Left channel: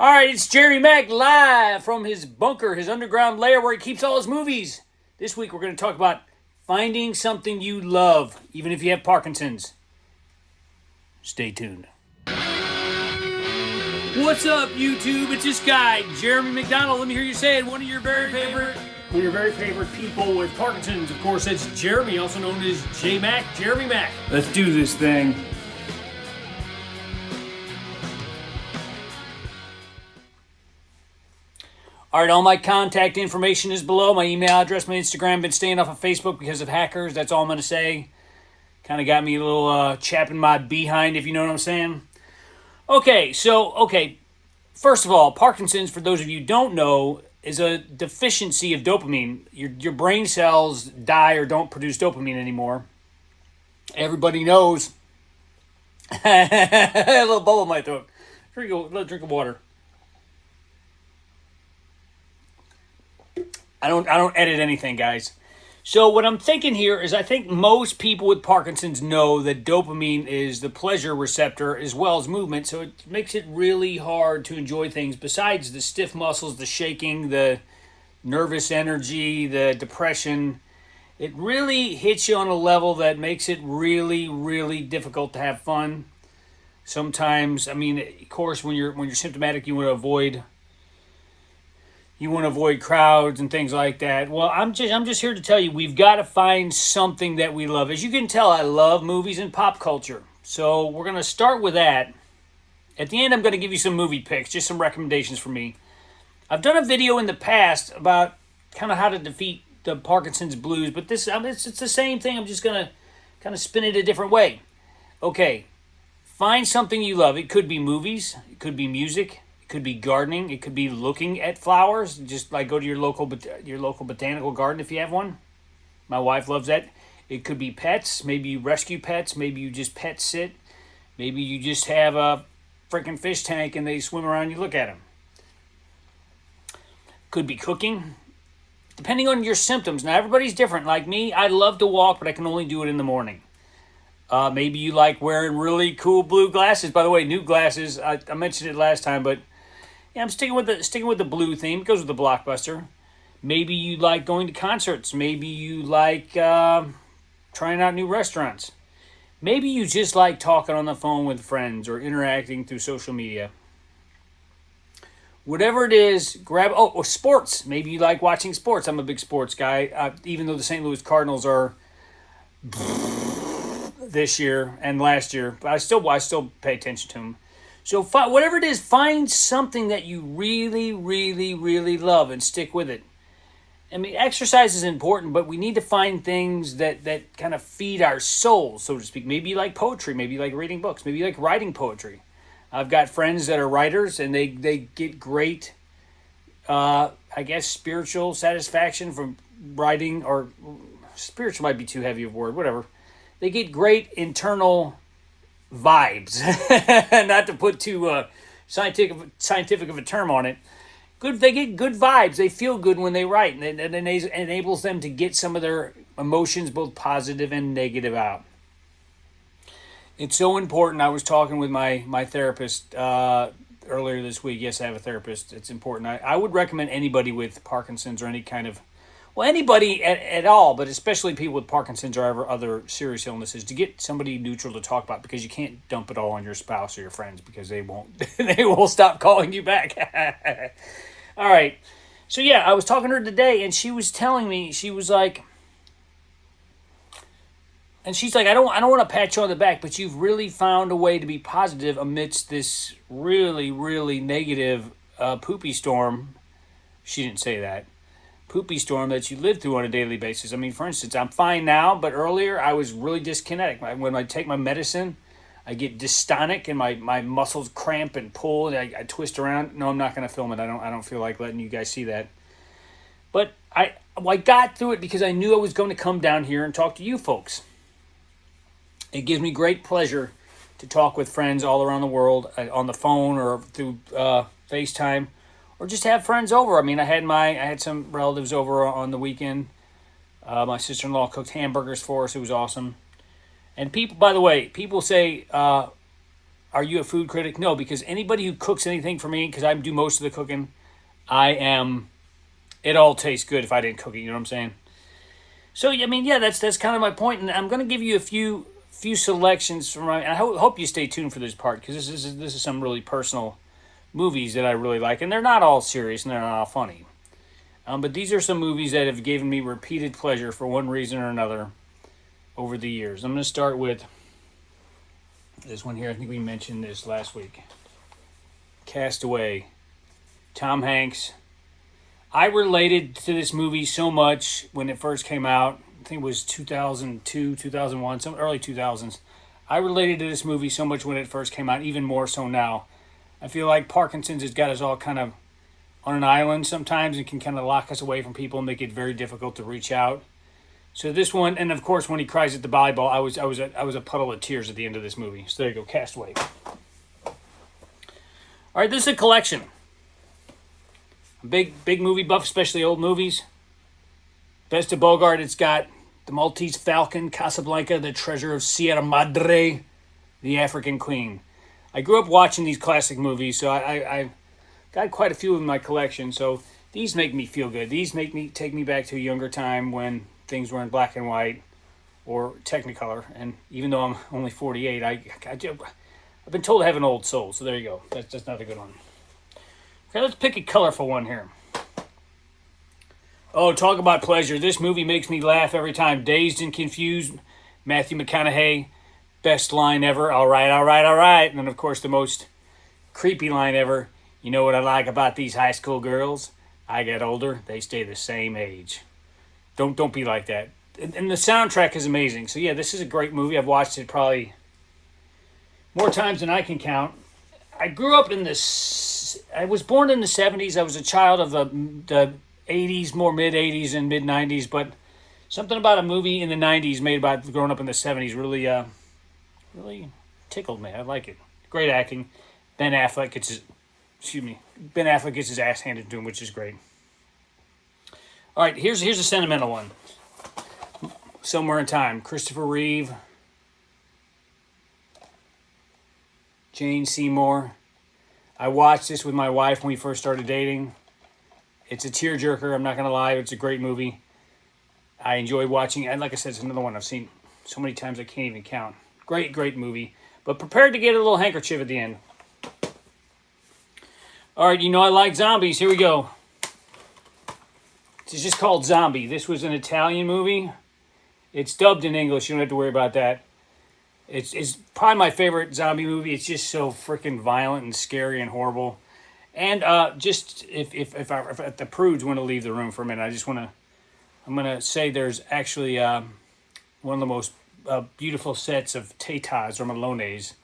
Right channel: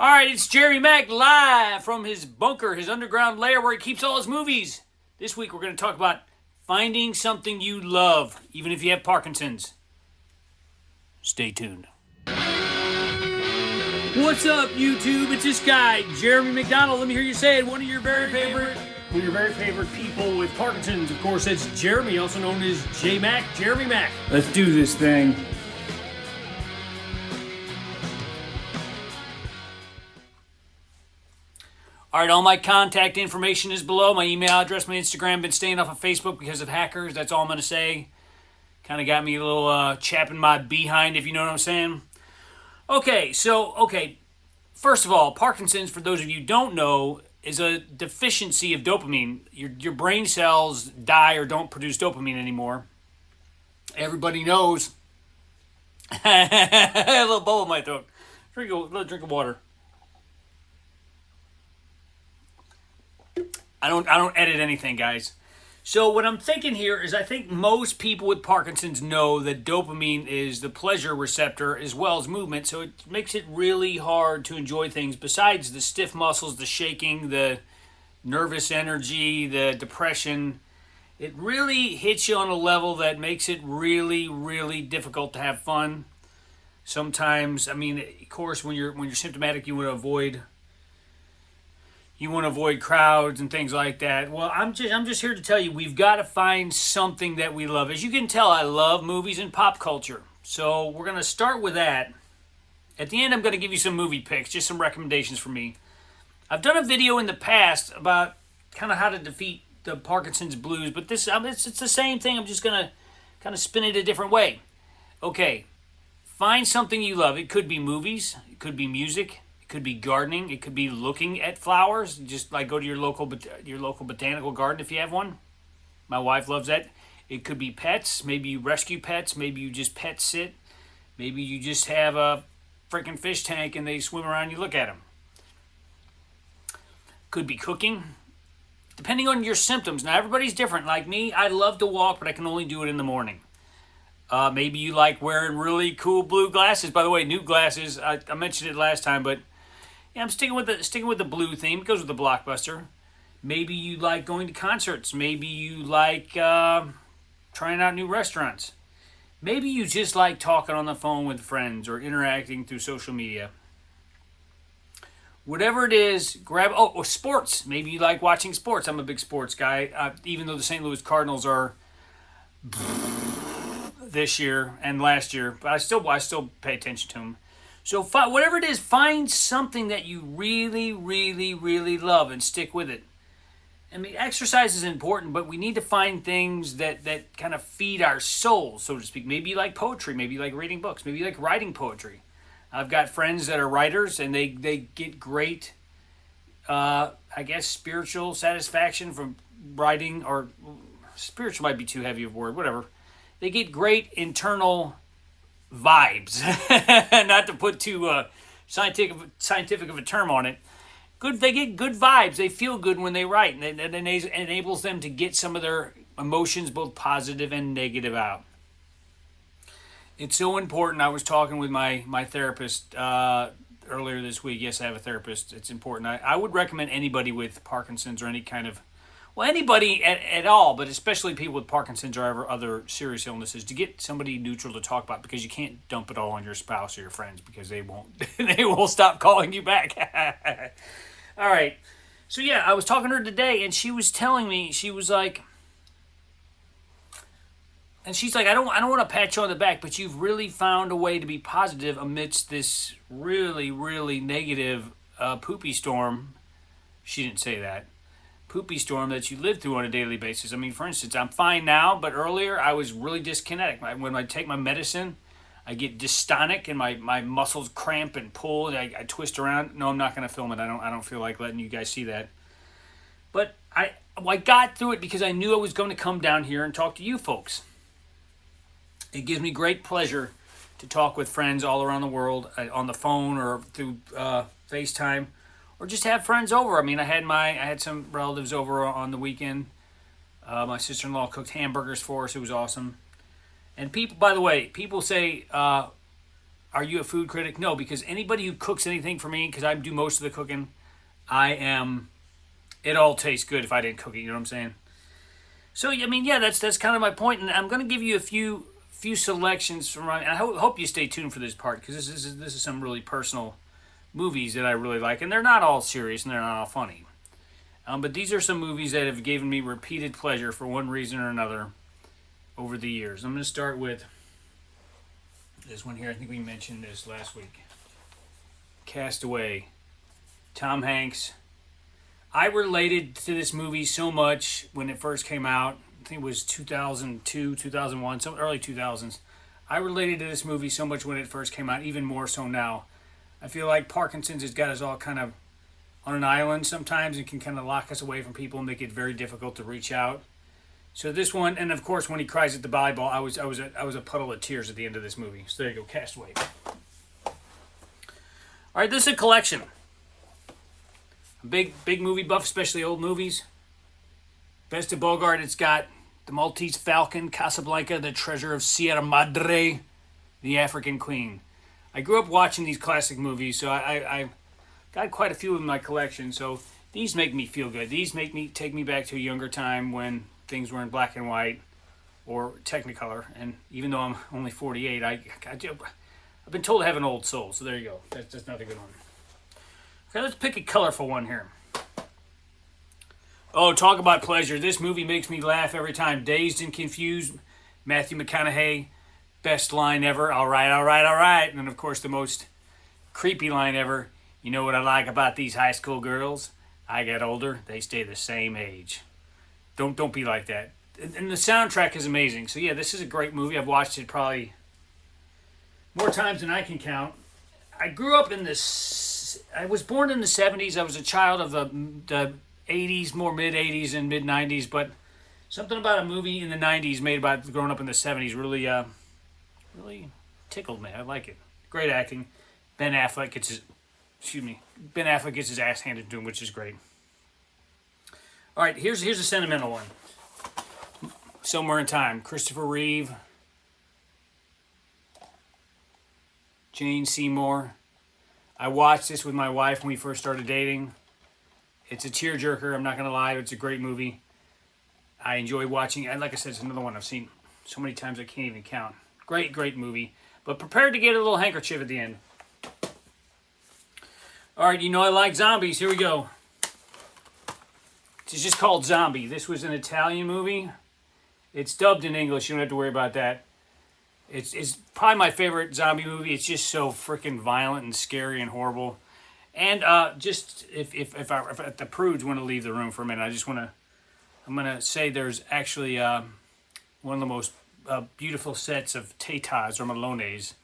All right, it's Jerry Mack live from his bunker, his underground lair where he keeps all his movies. This week we're going to talk about finding something you love, even if you have Parkinson's. Stay tuned. What's up, YouTube? It's this guy, Jeremy McDonald. Let me hear you say it. One of your very favorite people with Parkinson's. Of course, that's Jeremy, also known as J-Mac, Jeremy Mack. Let's do this thing. All right, all my contact information is below. My email address, my Instagram. Been staying off of Facebook because of hackers. That's all I'm going to say. Kind of got me a little chapping my behind, if you know what I'm saying. Okay, first of all, Parkinson's, for those of you who don't know, is a deficiency of dopamine. Your brain cells die or don't produce dopamine anymore. Everybody knows. A little bubble in my throat. Drink a drink of water. I don't edit anything, guys. So what I'm thinking here is I think most people with Parkinson's know that dopamine is the pleasure receptor as well as movement, so it makes it really hard to enjoy things besides the stiff muscles, the shaking, the nervous energy, the depression. It really hits you on a level that makes it really, really difficult to have fun. Sometimes, I mean, of course, when you're symptomatic, you want to avoid crowds and things like that. Well, I'm just here to tell you we've got to find something that we love. As you can tell, I love movies and pop culture. So we're going to start with that. At the end, I'm going to give you some movie picks, just some recommendations for me. I've done a video in the past about kind of how to defeat the Parkinson's blues, but it's the same thing. I'm just going to kind of spin it a different way. Okay, find something you love. It could be movies. It could be music. It could be gardening. It could be looking at flowers. Just like go to your local botanical garden if you have one. My wife loves that. It could be pets. Maybe you rescue pets. Maybe you just pet sit. Maybe you just have a freaking fish tank and they swim around and you look at them. Could be cooking. Depending on your symptoms. Now everybody's different. Like me, I love to walk, but I can only do it in the morning. Maybe you like wearing really cool blue glasses. By the way, new glasses. I mentioned it last time, but yeah, I'm sticking with the blue theme. It goes with the blockbuster. Maybe you like going to concerts. Maybe you like trying out new restaurants. Maybe you just like talking on the phone with friends or interacting through social media. Whatever it is, grab... or sports. Maybe you like watching sports. I'm a big sports guy. Even though the St. Louis Cardinals are this year and last year, but I still pay attention to them. So whatever it is, find something that you really, really, really love and stick with it. I mean, exercise is important, but we need to find things that kind of feed our souls, so to speak. Maybe you like poetry. Maybe you like reading books. Maybe you like writing poetry. I've got friends that are writers, and they get great, spiritual satisfaction from writing, or spiritual might be too heavy of a word, whatever. They get great internal vibes, not to put too scientific of a term on it. They get good vibes. They feel good when they write, and it enables them to get some of their emotions, both positive and negative, out. It's so important. I was talking with my therapist earlier this week. Yes, I have a therapist. It's important. I would recommend anybody with Parkinson's or any kind of, anybody at all, but especially people with Parkinson's or other serious illnesses, to get somebody neutral to talk about, because you can't dump it all on your spouse or your friends, because they won't stop calling you back. All right. So yeah, I was talking to her today, and she was telling me, she's like, I don't want to pat you on the back, but you've really found a way to be positive amidst this really, really negative poopy storm. She didn't say that. Poopy storm that you live through on a daily basis. I mean, for instance, I'm fine now, but earlier I was really dyskinetic. When I take my medicine, I get dystonic and my muscles cramp and pull, and I twist around. No, I'm not going to film it. I don't feel like letting you guys see that. But I got through it because I knew I was going to come down here and talk to you folks. It gives me great pleasure to talk with friends all around the world on the phone or through FaceTime, or just have friends over. I mean, I had some relatives over on the weekend. My sister-in-law cooked hamburgers for us. It was awesome. And people, by the way, people say Are you a food critic? No, because anybody who cooks anything for me, because I do most of the cooking, I am. It all tastes good if I didn't cook it. You know what I'm saying? So I mean, yeah, that's kind of my point, and I'm gonna give you a few selections from my. I hope you stay tuned for this part because this is some really personal movies that I really like, and they're not all serious and they're not all funny. But these are some movies that have given me repeated pleasure for one reason or another over the years. I'm going to start with this one here. I think we mentioned this last week. Castaway. Tom Hanks. I related to this movie so much when it first came out. I think it was 2002, 2001, some early 2000s. I related to this movie so much when it first came out, even more so now. I feel like Parkinson's has got us all kind of on an island sometimes and can kind of lock us away from people and make it very difficult to reach out. So this one, and of course when he cries at the volleyball, I was a puddle of tears at the end of this movie. So there you go, Castaway. All right, this is a collection. A big movie buff, especially old movies. Best of Bogart, it's got The Maltese Falcon, Casablanca, The Treasure of Sierra Madre, The African Queen. I grew up watching these classic movies, so I got quite a few in my collection, so these make me feel good. These take me back to a younger time when things were in black and white or Technicolor. And even though I'm only 48, I've been told I have an old soul, so there you go. That's not a good one. Okay, let's pick a colorful one here. Oh, talk about pleasure. This movie makes me laugh every time. Dazed and Confused, Matthew McConaughey, best line ever. All right, all right, all right. And then, of course, the most creepy line ever. You know what I like about these high school girls? I get older, they stay the same age. Don't be like that. And the soundtrack is amazing. So yeah, this is a great movie. I've watched it probably more times than I can count. I grew up in this. I was born in the 70s. I was a child of the 80s, more mid 80s and mid 90s. But something about a movie in the 90s made about growing up in the 70s really tickled me. I like it. Great acting. Ben Affleck gets his ass handed to him, which is great. All right, here's a sentimental one. Somewhere in Time. Christopher Reeve. Jane Seymour. I watched this with my wife when we first started dating. It's a tearjerker, I'm not going to lie. It's a great movie. I enjoy watching it. And like I said, it's another one I've seen so many times I can't even count. Great movie. But prepared to get a little handkerchief at the end. All right, you know I like zombies. Here we go. It's just called Zombie. This was an Italian movie. It's dubbed in English. You don't have to worry about that. It's probably my favorite zombie movie. It's just so freaking violent and scary and horrible. And just if the prudes want to leave the room for a minute, I'm gonna say there's actually one of the most beautiful sets of tatas or malones. I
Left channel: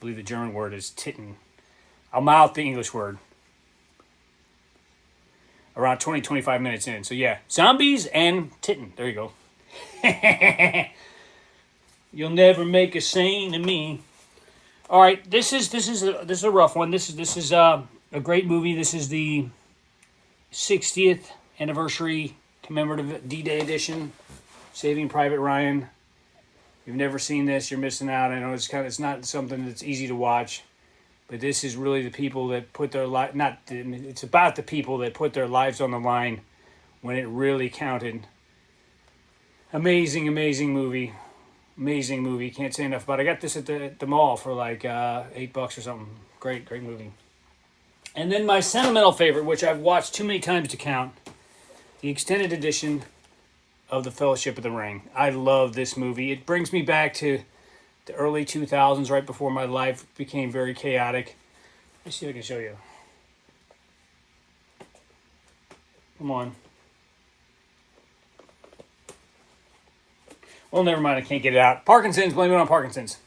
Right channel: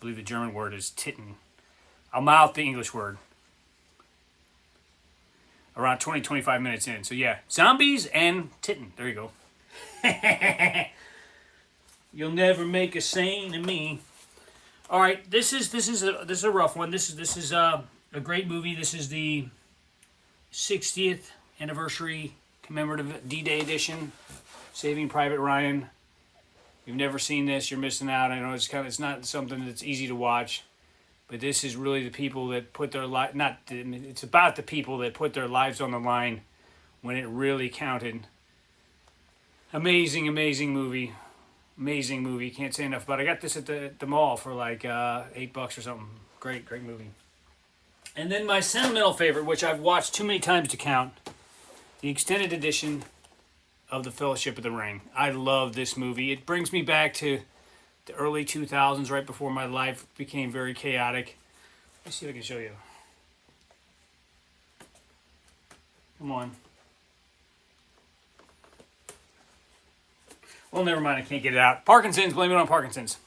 believe the German word is titten. I'll mouth the English word. Around 20-25 minutes in. So yeah, zombies and titten. There you go. You'll never make a saint of me. All right, this is a rough one. This is a great movie. This is the 60th anniversary commemorative D-Day edition. Saving Private Ryan. If you've never seen this, you're missing out. I know it's not something that's easy to watch. But this is really the people that put their life, it's about the people that put their lives on the line when it really counted. Amazing movie. Amazing movie. Can't say enough about it. I got this at the mall for like $8 or something. Great movie. And then my sentimental favorite, which I've watched too many times to count, the extended edition of The Fellowship of the Ring. I love this movie. It brings me back to the early 2000s, right before my life became very chaotic. Let's see if I can show you. Come on. Well, never mind. I can't get it out. Parkinson's. Blame it on Parkinson's.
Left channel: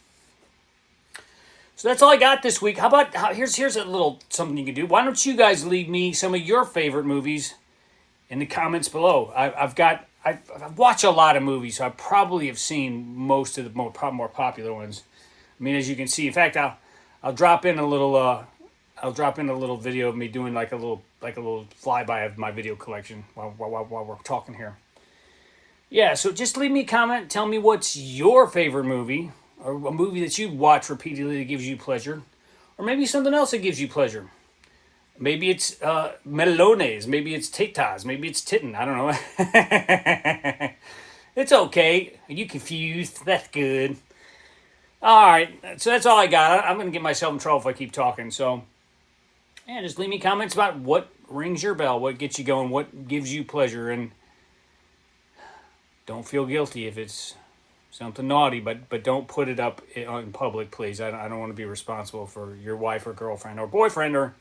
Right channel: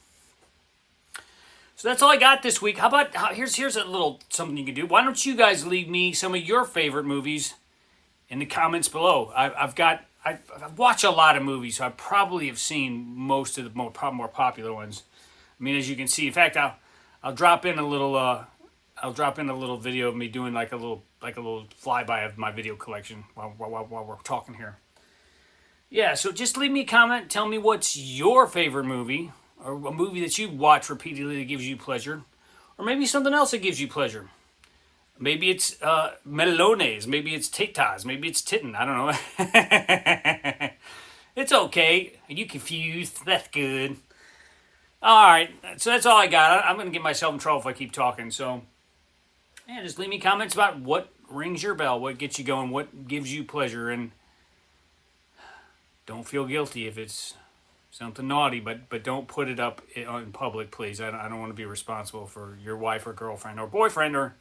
So that's all I got this week. How about here's a little something you can do. Why don't you guys leave me some of your favorite movies in the comments below? I watch a lot of movies, so I probably have seen most of the more popular ones. I mean, as you can see, in fact, I'll drop in a little video of me doing like a little flyby of my video collection while we're talking here. Yeah, so just leave me a comment. Tell me what's your favorite movie, or a movie that you watch repeatedly that gives you pleasure, or maybe something else that gives you pleasure. Maybe it's melones, maybe it's tetas, maybe it's titten. I don't know. It's okay. Are you confused? That's good. All right, so that's all I got. I'm going to get myself in trouble if I keep talking. So, yeah, just leave me comments about what rings your bell, what gets you going, what gives you pleasure, and don't feel guilty if it's something naughty, but don't put it up in public, please. I don't want to be responsible for your wife or girlfriend or boyfriend or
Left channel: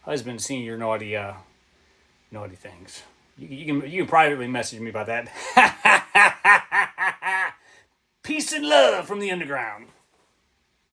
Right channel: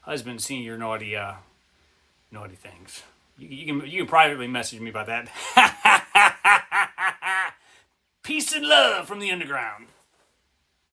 husband seeing your naughty things. You can privately message me about that. Peace and love from the underground.